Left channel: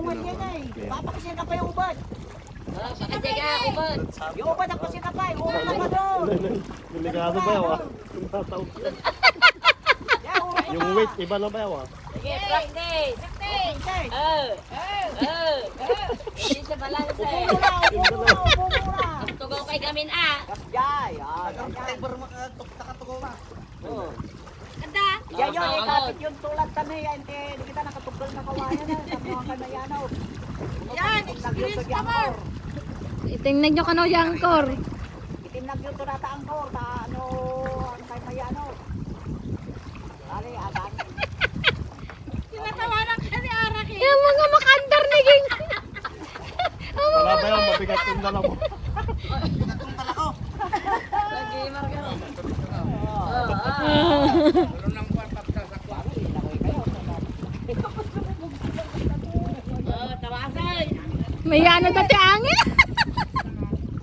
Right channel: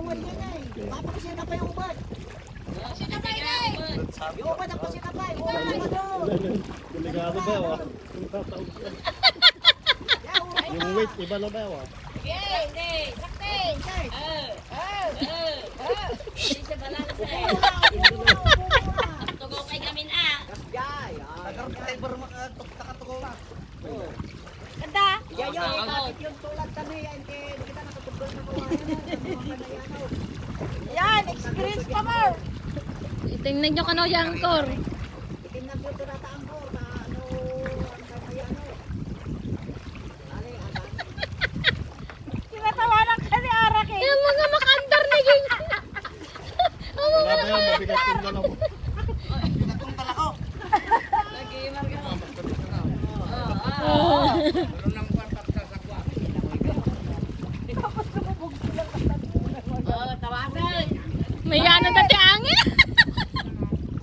umad niya na eh. Papakasin ka pa yung ubad. Yung ubad ang pasin ka pa. Umad ka pa doon. Delikado ba yaw ah? Yung weight, iba na ba yaw ah? Sige, practice. Hindi siya balance eh. Upo muna. Tugaw kay gamin ah. Jay. Ganda. Yan yun, ikapit yung tulad kami. Hindi kita nakatugol na kawayan na. Sa mga kanayanaw. Yan, experience pa mo. Tingnan nyo kano yung angkor. Itinag yung tunata ang kor. Ano, ang kanayanaw. Ano, adan. Tinatawanan ka ni Arak eh. Yung mga makandar naging. Wala ba yaw? Mabigat yung dala mo. Lagi marga. Tawasan. May ano dati angin.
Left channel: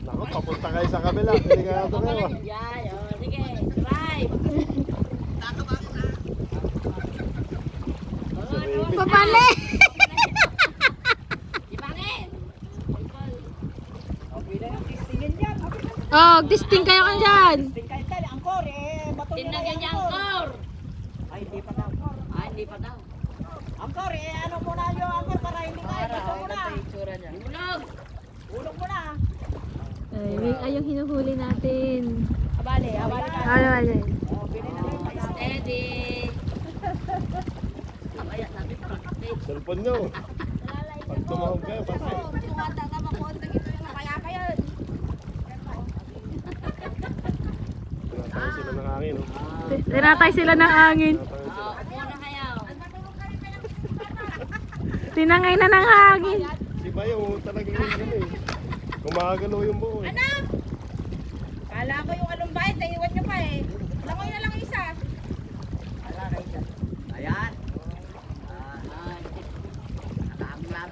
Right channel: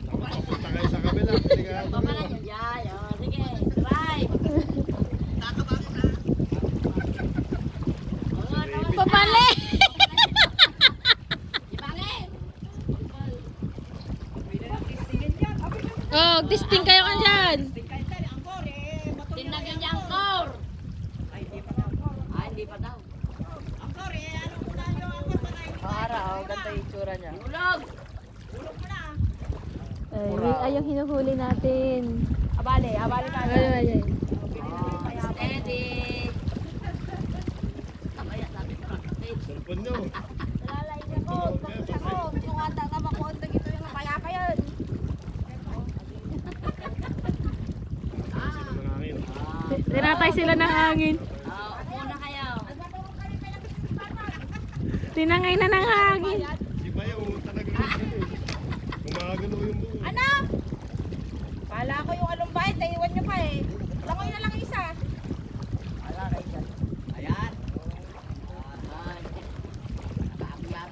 Naku, papunta kayo sa kabila. Delikado na yaw. Yay, sige, try. Papali. Ibangin. Oh, disting kayo kan dyan. Ang kor, bato. Tinagyan niya ang core. Ay, hindi pa daw. Hindi pa daw. Ang kor, ano muna yung ang kor para hindi tayo. itsura niya. Ulog. Ulong mo na. Ay, yung hinuhuli natin. Abali ka. Ay. Steady. Kaya natin practice. Cellphone nyo. Pag tumawag kayo, pati. Tumata ka ba kung dito yung napayapa yun? Tinatay sila ng hangin. oh. Tinatay sila ng angin. Muna kayo. Tinangay na ng hangin. Di ba yung talagang yung ano eh. Gumagano yung buo eh. Ano?